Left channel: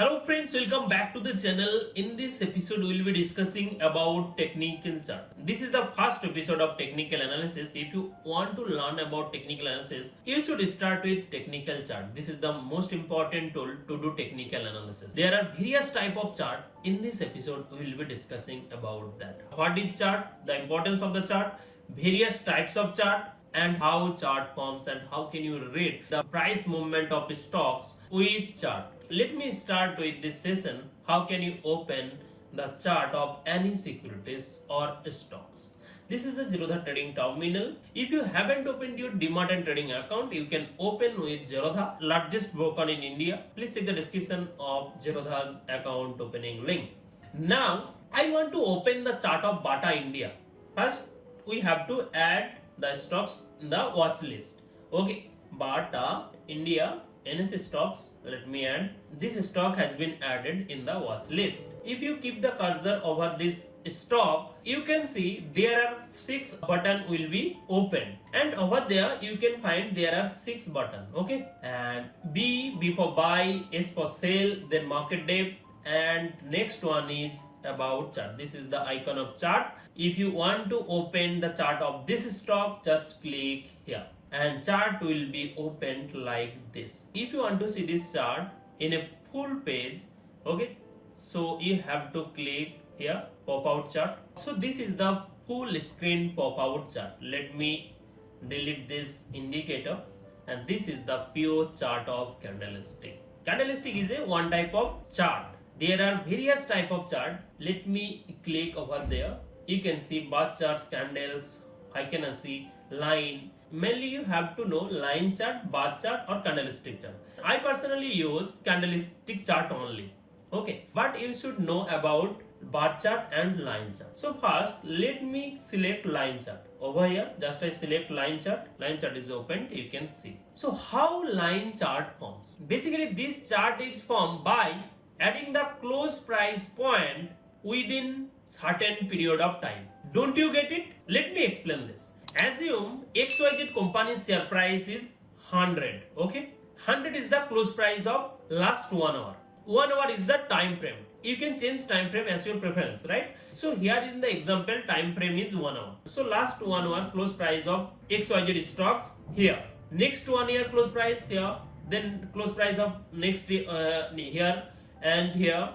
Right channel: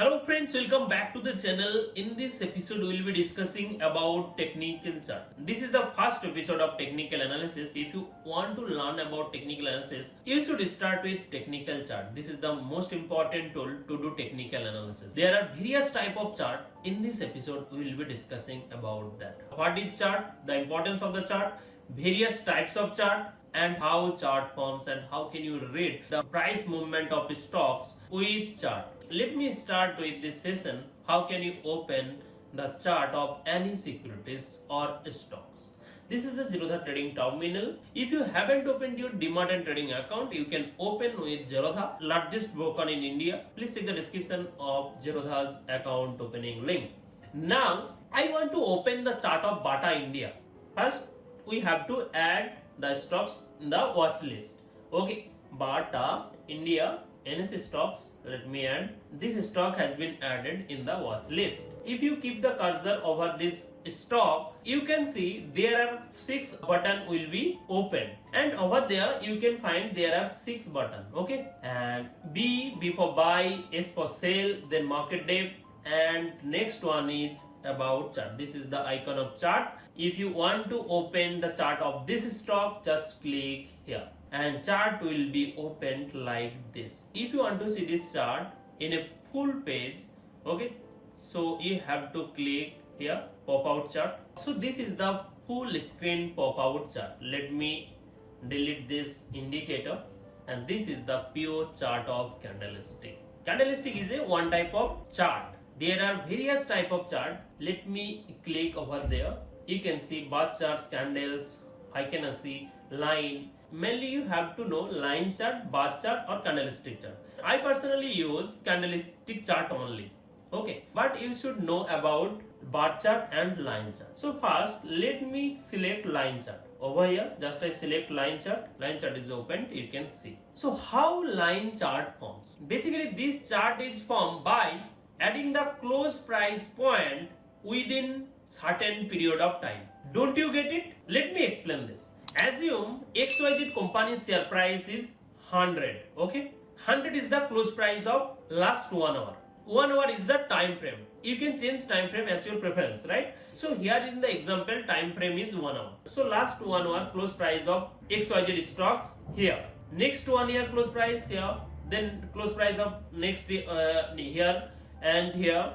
Hello friends, welcome back to the channel. In this episode, we will be discussing about technical chart. This is the first episode of technical analysis. If you want to learn about technical analysis, you should start with technical chart. This is the most important tool to do technical analysis. There are various type of chart. In this episode, we will be discussing about that. What is chart? The importance of the chart, various types of chart, and how chart forms and how can you read the price movement of stocks with chart. Let me start with this session. How can you open the chart of any securities or stocks? This is the Zerodha trading terminal. If you haven't opened your Demat and trading account, you can open with Zerodha, largest broker in India. Please check the description of Zerodha's account opening link. Now, I want to open the chart of Bata India. First, we have to add the stocks in the watch list. Okay, Bata India NS stocks. Let me add. This stock has been added in the watch list. If you keep the cursor over this stock, you can see there are 6 buttons will be opened, and over there you can find there are 6 buttons. Okay, and B for buy, S for sell, then market depth, and next one is about chart. This is the icon of chart. If you want to open the chart of this stock, just click here and chart will be opened like this. If you want to see this chart in a full page, okay, so you have to click here pop out chart. So this is the full screen pop out chart. Let me delete this indicator, and this is the pure chart of candlestick. Candlestick is a one type of chart. There are various type of chart. Let me click over there. You can see bar charts, candles, I can see line. Mainly you have to know line chart, bar chart or candlestick chart. I personally use candlestick chart only. Okay, but you should know about bar chart and line chart. So first let me select line chart. Over here just I select line chart. Line chart is opened, you can see. So how line chart forms? Basically this chart is formed by adding the close price point within certain period of time. Don't you get it? Let me explain this. Assume XYZ company's share price is 100. Okay, 100 is the close price of last 1 hour. 1 hour is the time frame. You can change time frame as your preference, right? So here in the example, time frame is 1 hour. So last 1 hour close price of XYZ stocks here. Next 1 year close price here. Then close price of next here and here,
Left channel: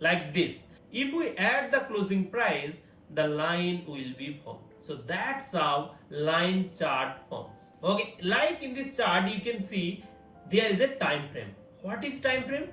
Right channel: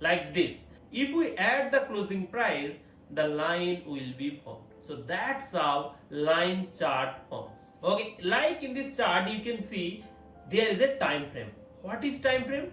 like this. If we add the closing price, the line will be formed. So that's how line chart forms. Okay, like in this chart you can see there is a time frame. What is time frame?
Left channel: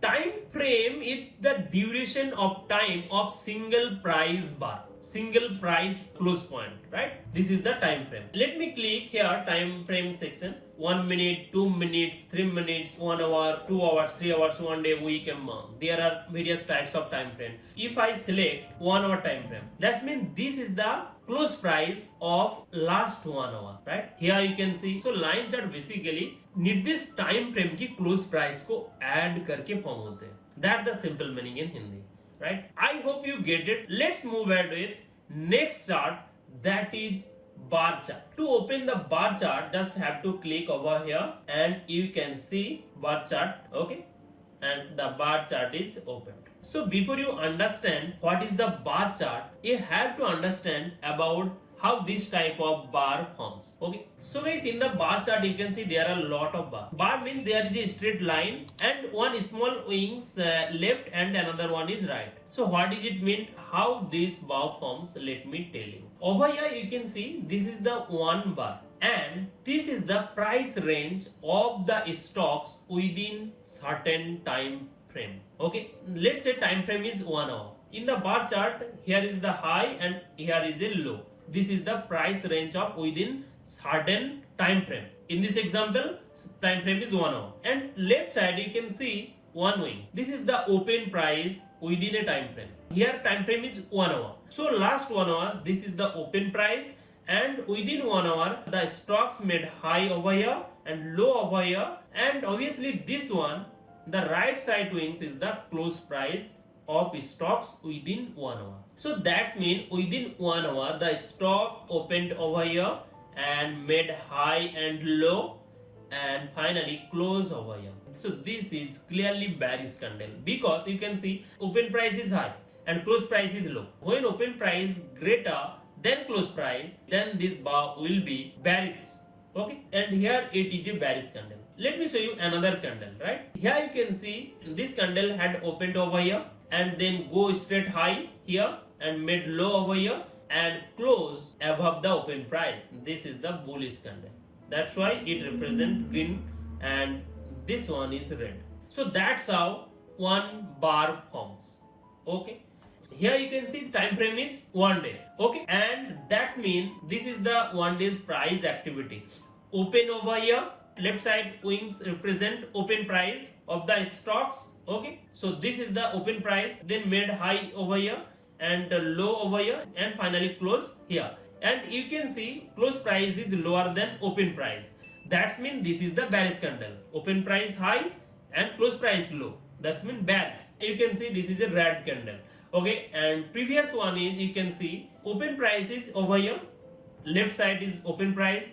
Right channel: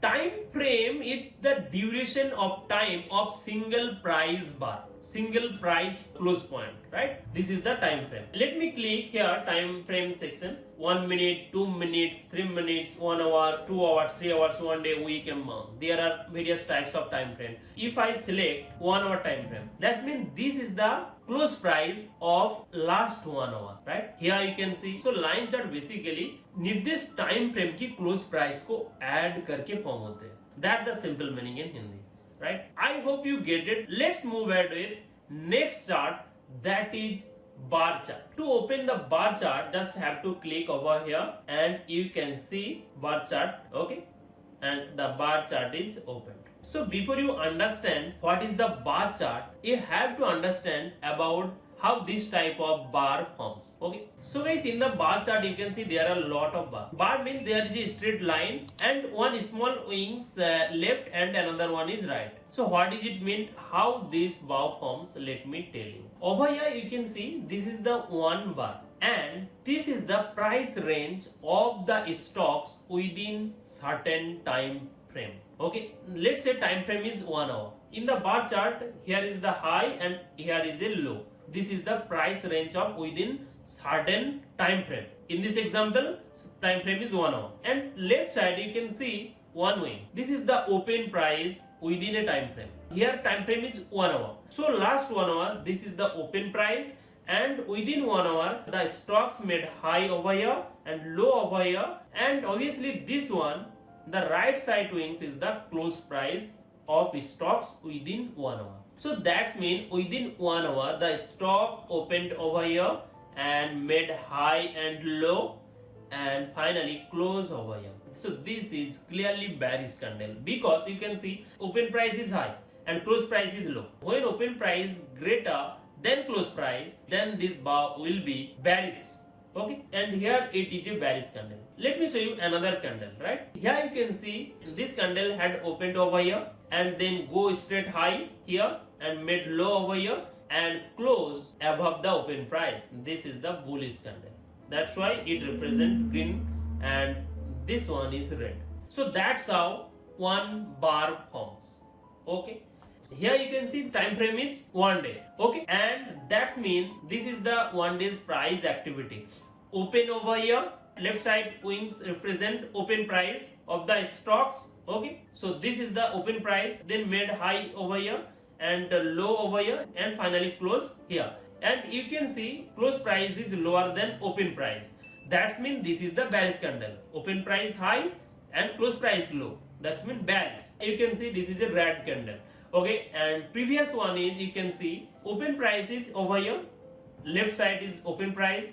Time frame is the duration of time of single price bar, single price close point, right? This is the time frame. Let me click here time frame section. 1 minute, 2 minutes, 3 minutes, 1 hour, 2 hours, 3 hours, 1 day, week, and month. There are various types of time frame. If I select 1 hour time frame, that means this is the close price of last 1 hour, right? Here you can see. So line chart basically निर्दिष्ट time frame की close price को add करके form होते हैं. That's the simple meaning in Hindi, right? I hope you get it. Let's move ahead with next chart, that is bar chart. To open the bar chart, just have to click over here and you can see bar chart, okay? And the bar chart is opened. So before you understand what is the bar chart, you have to understand about how this type of bar forms. Okay, so guys, in the bar chart you can see there are a lot of bar. Bar means there is a straight line and one small wings left and another one is right. So what does it mean? How this bar forms? Let me tell you. Over here you can see this is the one bar and this is the price range of the stocks within certain time frame. Okay, let's say time frame is 1 hour. In the bar chart, here is the high and here is a low. This is the price range of within certain time frame. In this example, time frame is 1 hour. And left side you can see one wing. This is the open price within a time frame. Here time frame is 1 hour. So last 1 hour, this is the open price, and within 1 hour the stocks made high over here and low over here, and obviously this one, the right side wings, is the close price of stocks within 1 hour. So that means within 1 hour the stock opened over here and made high and low, and finally close over here. So this is clearly bearish candle because you can see open price is high and close price is low. When open price greater than close price, then this bar will be bearish. Okay, and here it is a bearish candle. Let me show you another candle, right? Here you can see this candle had opened over here and then go straight high here and made low over here and close above the open price. This is the bullish candle. That's why it represents green and this one is red. So that's how one bar forms. Okay. Here you can see the time frame is 1 day. Okay, and that means this is the 1 day's price activity. Open over here, left side wings represent open price of the stocks. Okay, so this is the open price, then made high over here and low over here and finally close here. And you can see close price is lower than open price. That means this is the bearish candle. Open price high and close price low. That means bearish. You can see this is a red candle. Okay, and previous one is you can see open price is over here, left side is open price,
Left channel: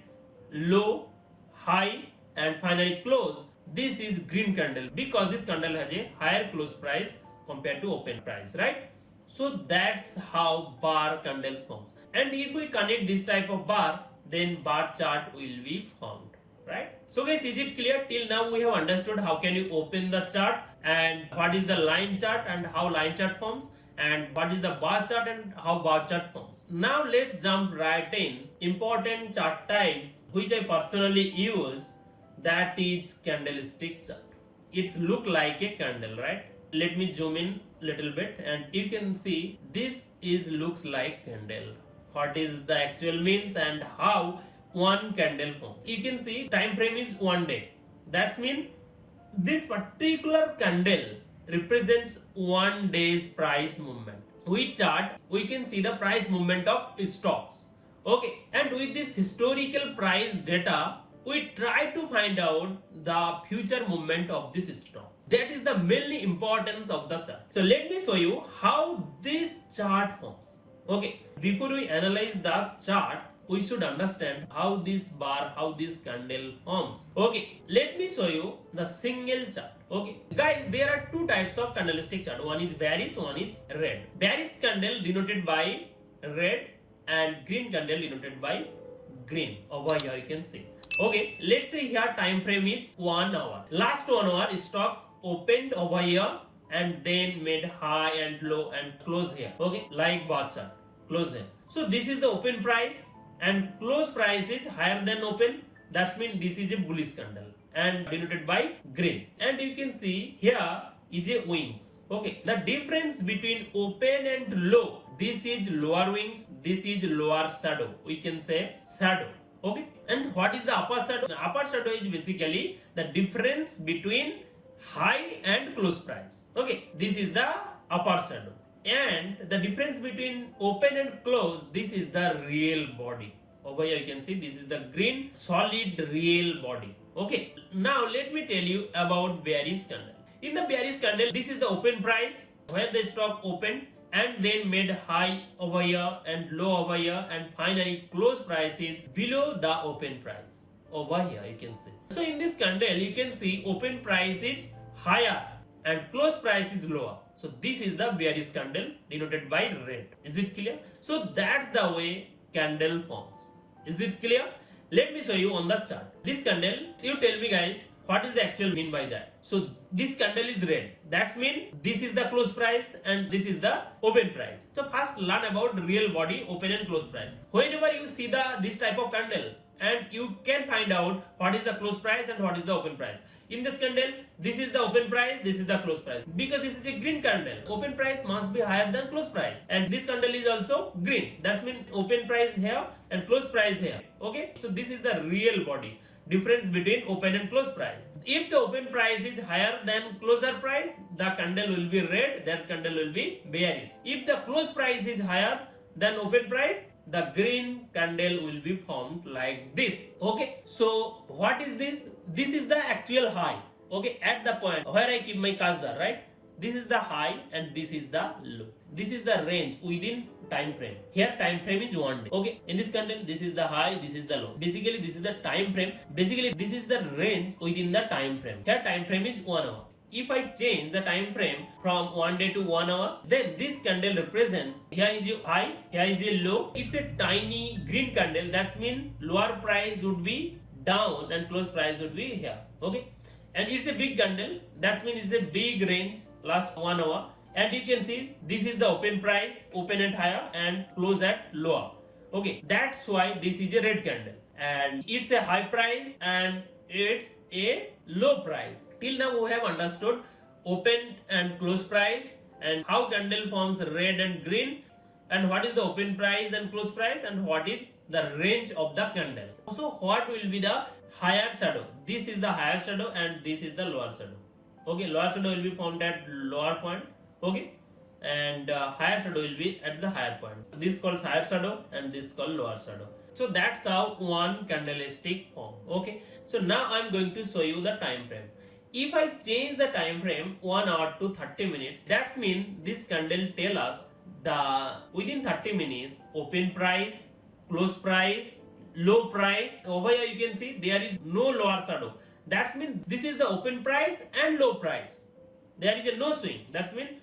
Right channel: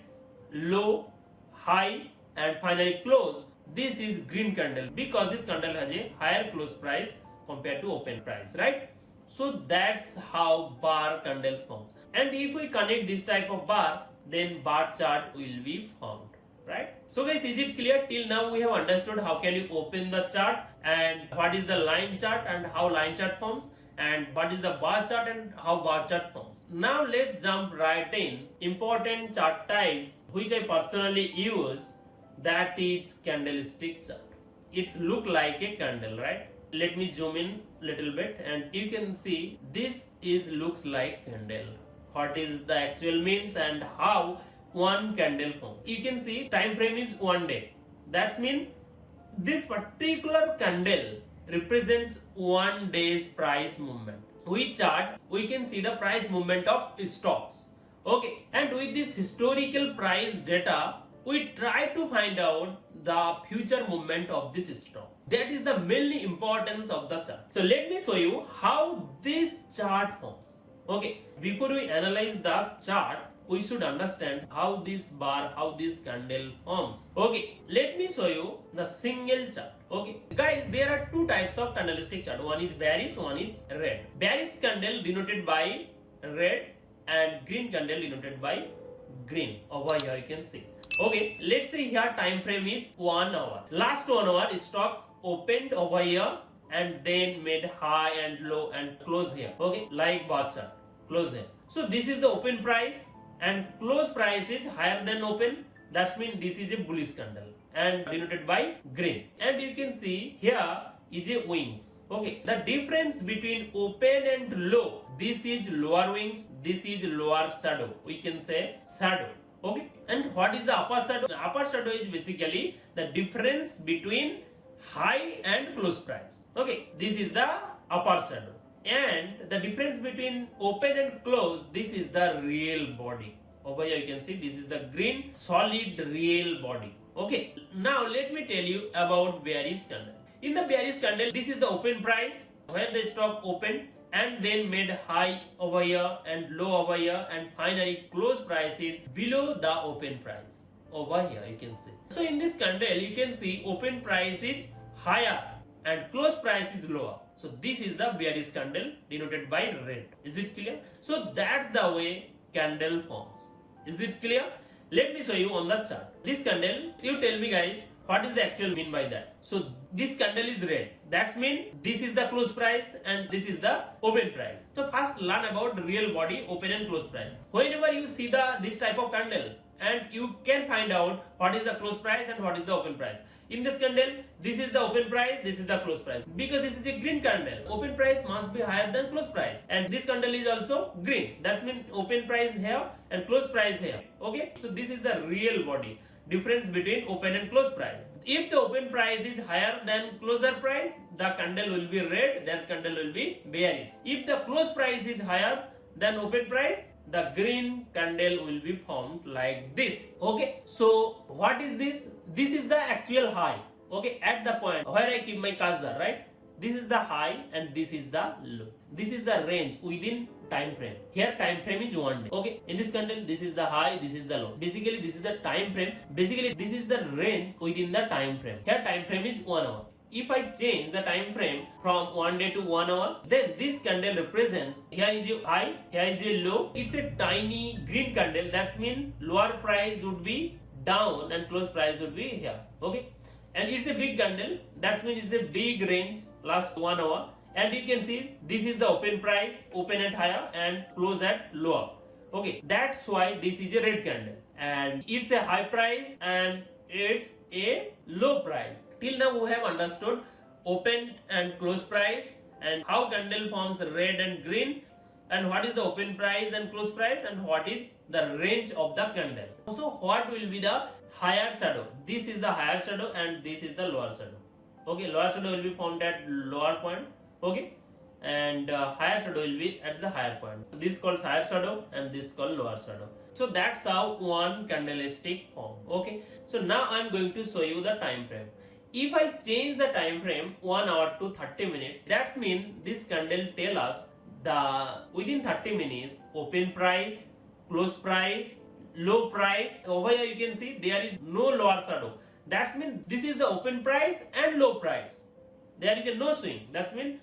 low, high and finally close. This is green candle because this candle has a higher close price compared to open price, right? So that's how bar candles forms. And if we connect this type of bar, then bar chart will be formed, right? So guys, is it clear? Till now we have understood how can you open the chart and what is the line chart and how line chart forms, and what is the bar chart and how bar chart forms. Now let's jump right in important chart types which I personally use, that is candlestick chart. It's look like a candle, right? Let me zoom in little bit and you can see this is looks like candle. What is the actual means and how one candle forms. You can see time frame is 1 day. That means this particular candle represents 1 day's price movement. With chart, we can see the price movement of stocks. Okay, and with this historical price data, we try to find out the future movement of this stock. That is the mainly importance of the chart. So let me show you how this chart forms. Okay, before we analyze the chart, we should understand how this bar, how this candle forms. Okay, let me show you the single chart. Okay, guys, there are two types of candlestick chart. One is bearish, one is red. Bearish candle denoted by red and green candle denoted by green. Over here you can see. Okay, let's say here time frame is 1 hour. Last 1 hour stock opened over here and then made high and low and close here. Okay, like bar chart, close here. So this is the open price and close price is higher than open. That means this is a bullish candle and denoted by green. And you can see here is a wings. Okay, the difference between open and low, this is lower wings, this is lower shadow. We can say shadow. Okay, and what is the upper shadow? The upper shadow is basically the difference between high and close price. Okay, this is the upper shadow. And the difference between open and close, this is the real body. Over here you can see this is the green solid real body. Okay, now let me tell you about bearish candle. In the bearish candle, this is the open price where the stock opened and then made high over here and low over here and finally close price is below the open price. Over here you can see. So in this candle you can see open price is higher and close price is lower. So this is the bearish candle denoted by red. Is it clear? So that's the way candle forms. Is it clear? Let me show you on the chart. This candle, you tell me guys, what is the actual mean by that? So this candle is red. That means this is the close price and this is the open price. So first learn about real body, open and close price. Whenever you see this type of candle, and you can find out what is the close price and what is the open price. In this candle, this is the open price, this is the close price. Because this is a green candle, open price must be higher than close price. And this candle is also green. That means open price here and close price here. Okay, so this is the real body. Difference between open and close price. If the open price is higher than closer price, the candle will be red, that candle will be bearish. If the close price is higher than open price, the green candle will be formed like this. Okay, so what is this? This is the actual high. Okay, at the point where I keep my cursor, right? This is the high and this is the low. This is the range within time frame. Here time frame is 1 day. Okay, in this candle, this is the high, this is the low. Basically, this is the time frame. Basically, this is the range within the time frame. Here time frame is 1 hour. If I change the time frame from 1 day to 1 hour, then this candle represents, here is your high, here is your low. It's a tiny green candle. That means lower price would be down and close price would be here. Okay, and it's a big candle. That means it's a big range last 1 hour. And you can see this is the open price, open at higher and close at lower. Okay, that's why this is a red candle, and it's a high price and it's a low price. Till now we have understood open and close price and how candle forms red and green, and what is the open price and close price, and what is the range of the candles. So what will be the higher shadow? This is the higher shadow and this is the lower shadow. Okay, lower shadow will be formed at lower point. Okay, and higher shadow will be at the higher point. This called higher shadow and this called lower shadow. So that's how one candlestick form. Okay, so now I'm going to show you the time frame. If I change the time frame 1 hour to 30 minutes, that means this candle tell us the within 30 minutes open price, close price, low price. Over here you can see there is no lower shadow. That means this is the open price and low price. There is a no swing. That means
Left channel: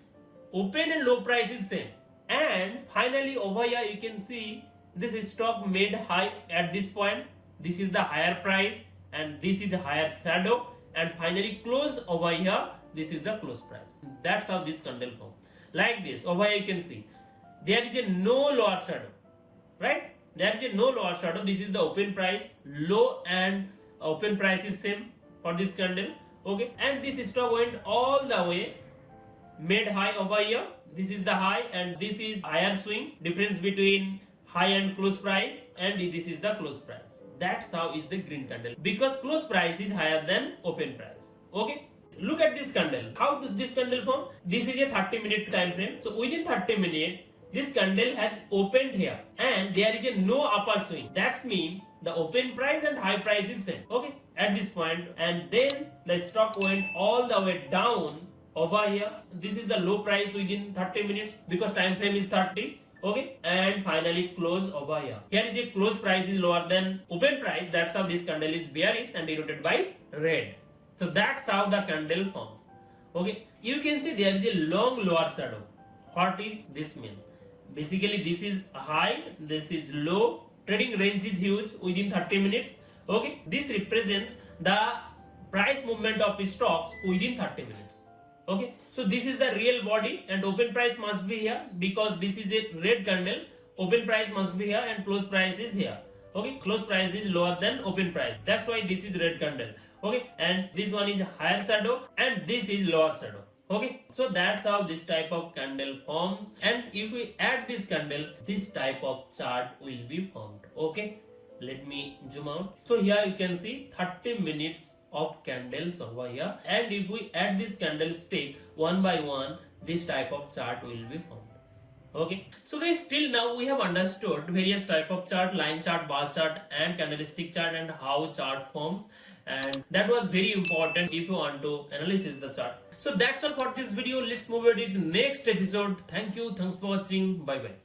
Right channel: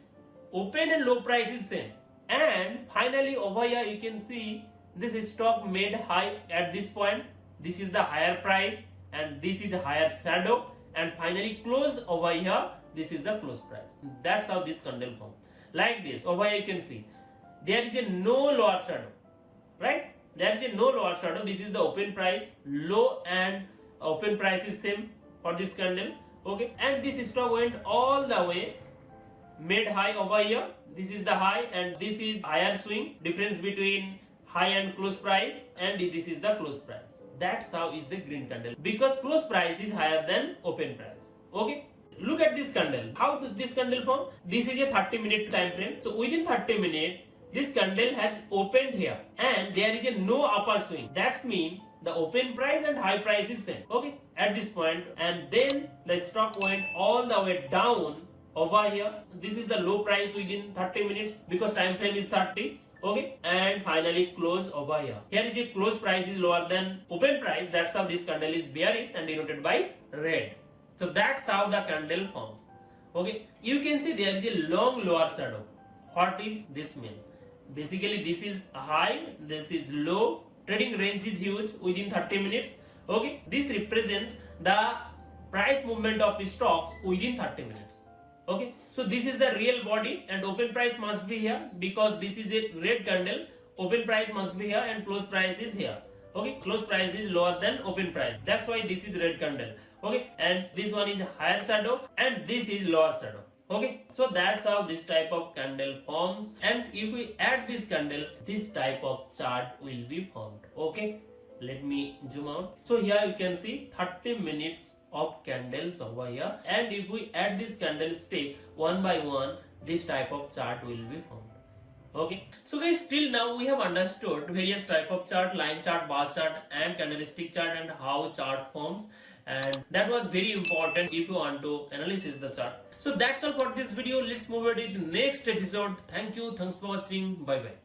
open and low price is same. And finally over here you can see this stock made high at this point. This is the higher price and this is a higher shadow, and finally close over here. This is the close price. That's how this candle forms. Like this. Over here you can see there is a no lower shadow, right? There is a no lower shadow. This is the open price, low and open price is same for this candle. Okay, and this stock went all the way, made high over here. This is the high and this is higher swing, difference between high and close price, and this is the close price. That's how is the green candle, because close price is higher than open price. Okay, look at this candle. How does this candle form? This is a 30-minute time frame. So within 30 minutes this candle has opened here and there is a no upper swing. That means the open price and high price is same. Okay, at this point, and then the stock went all the way down over here. This is the low price within 30 minutes because time frame is 30. Okay, and finally close over here. Here is a close price is lower than open price. That's how this candle is bearish and denoted by red. So that's how the candle forms. Okay, you can see there is a long lower shadow. What is this mean? Basically this is high, this is low. Trading range is huge within 30 minutes. Okay, this represents the price movement of stocks within 30 minutes. Okay, so this is the real body and open price must be here because this is a red candle. Open price must be here and close price is here. Okay, close price is lower than open price. That's why this is red candle. Okay, and this one is higher shadow and this is lower shadow. Okay, so that's how this type of candle forms, and if we add this candle, this type of chart will be formed. Okay, let me zoom out. So here you can see 30 minutes of candles over here, and if we add this candlestick one by one, this type of chart will be formed. Okay, so guys, till now we have understood various type of chart, line chart, bar chart and candlestick chart, and how chart forms, and that was very important if you want to analyze the chart. So that's all for this video. Let's move on to the next episode. Thank you. Thanks for watching. Bye bye.